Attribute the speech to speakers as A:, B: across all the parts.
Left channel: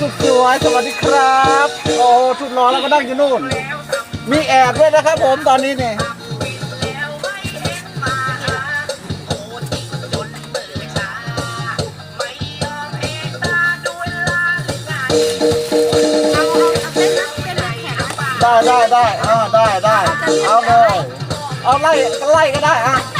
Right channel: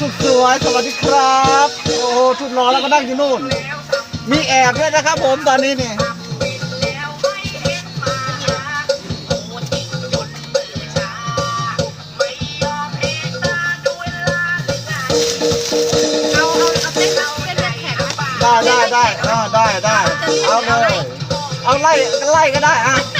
A: สุดสวยสวัสดีครับ โอ้ชุดนอนแล้วก็นั่งอยู่นู่น มีแอบด้วยนะครับผมตอนนี้เนี่ยได้ได้ได้เออได้ได้ เอาเลย เอาไล่ไล่ก็ได้อะ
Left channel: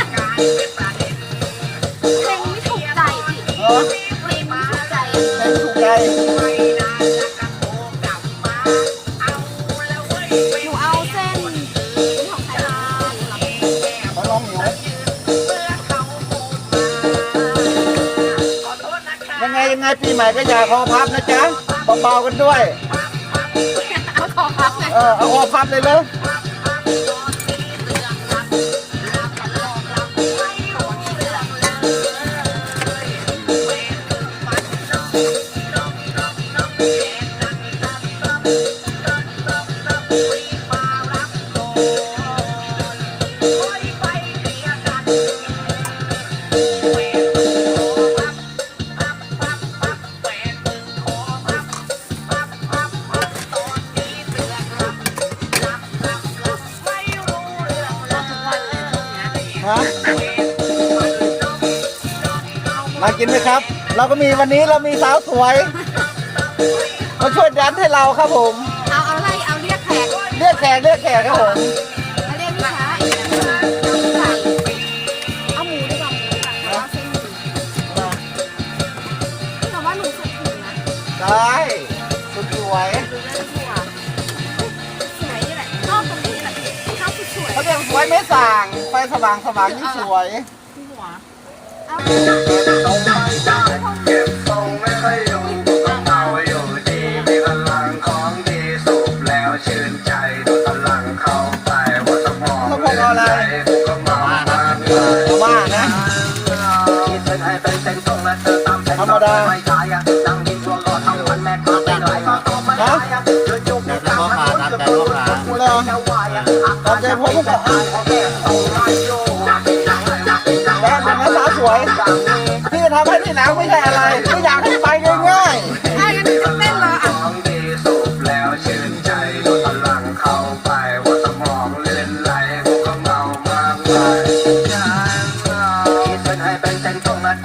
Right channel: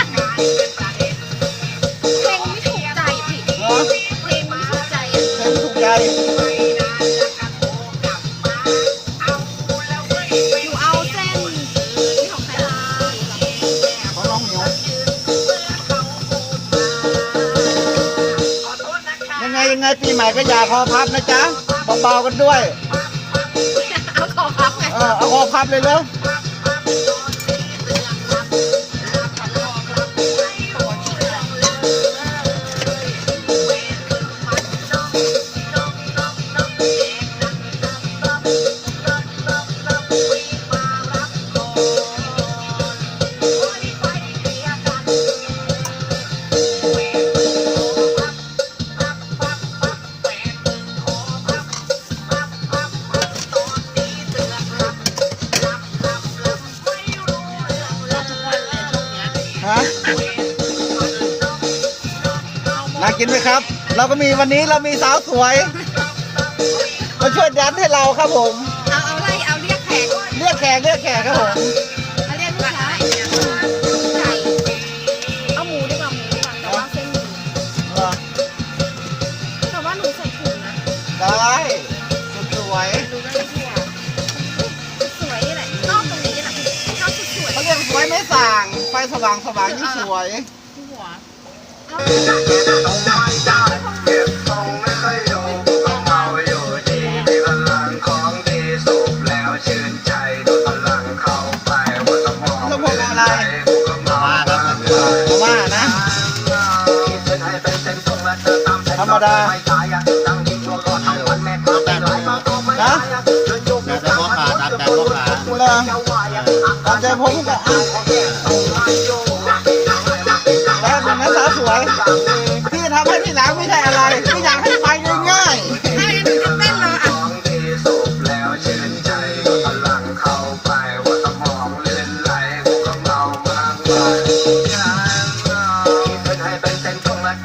B: ไง
A: ยังไงปีใหม่ก็อย่าคอพับนะจ๊ะเบาๆกันด้วย
B: เอาขอพับไง
A: เออเอาคอพับเลยเร็ว
B: น่า
A: กินไหมครับ เราก็มีวันนี้เรามีสาวสวยมาช่วยดันให้เราครับผม
B: เอาเอาอะไรเอาเรียกแขก
A: เรียกแขกเรียกแขกครับผม
B: เอาเรียกลูกค้าไก่เอาหมูดีกว่าหมูดีกว่าแต่ว่าเส้นหมู
A: เหรอ
B: แต่ว่าหนูใส่ถุงนะ
A: ได้สุดสวย
B: ดูได้ทั่วสวยนี่แหละชอบตรงนี้แหละพี่ชอบสวย
A: เขาเรียกสวยไม่ส่างไฟสว่างสว่างยิ่งสวย ธรรมดาฮะ
C: แต่แต่พ่อขาครับแต่พ่อขา
A: กูเลยตามใจผมก็อะแวยพี่ทำให้ที่หลังไม่ใช่อะไร ไม่อยากให้ไปง่าย
B: ถ้าอย่างนั้นหนูจะเต้นรออะ
D: ของดีสูบแล้วเชื่นใจดูพลังเข้าไปว่าสมองเล่นไหลกูก็เมามากมายคิดเป็นให้เป็นเส้นตรงและเ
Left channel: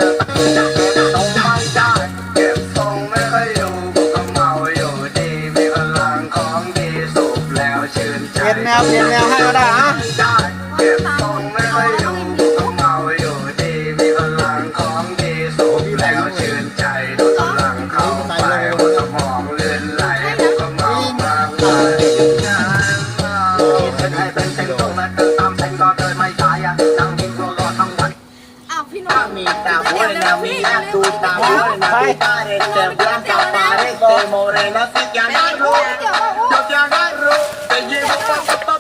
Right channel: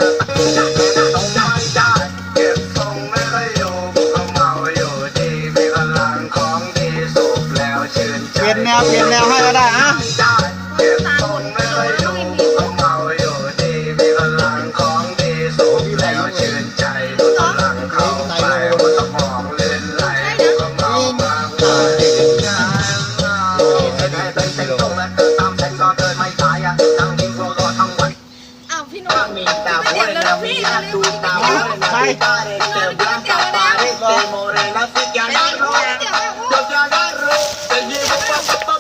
D: ต้องมองจานเก็บทรงไม่ค่อยอยู่กูก็เมาอยู่ดีมีพลังของดีสูบแล้วเชื่น
A: ๆ
D: ใจ
A: เปลี่ยนแนวเปลี่ยนแนวให้ก็ได้อะ
B: Morena, si te agarro, yo te agarro, te llevo pa'